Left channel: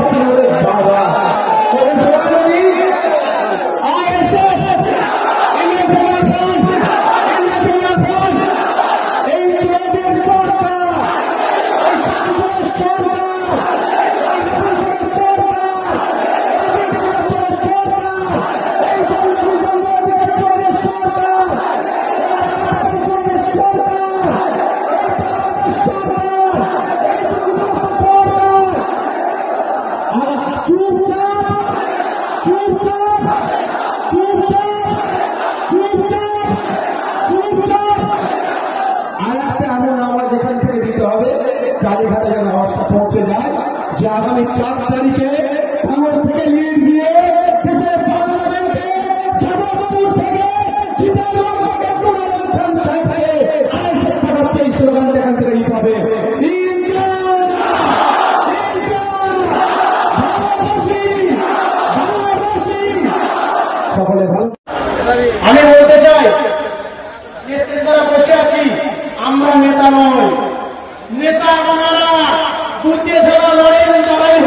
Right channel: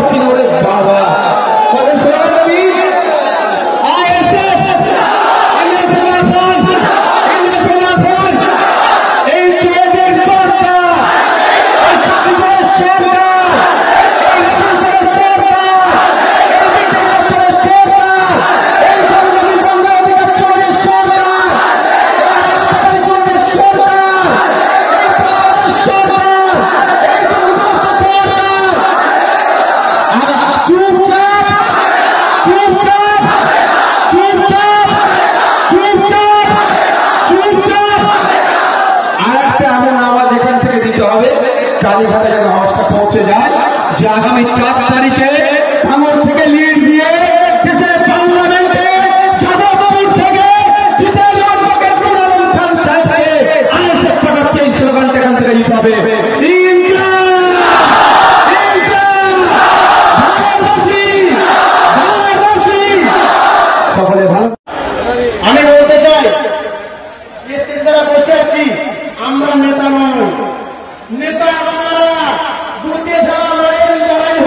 পারছি না ওরে বাবা। কালীঘাটে যেন আওয়াজটা পৌঁছে যায় যে আগামী 4 তারিখে ভাঙড় থেকে লিড দিয়ে দেশের পার্লামেন্টে যাদবপুর থেকে জিতেন্দ্র খান সাহেবকে আইএসএফ পাঠাচ্ছে এই স্লোগানটা এখান থেকে দিতে হবে। সকলে ভালো। আমি বলতে চাই যারা বসে আছি আমরা নেতা নয়, নেতা আমরা দুটি যারা লড়াই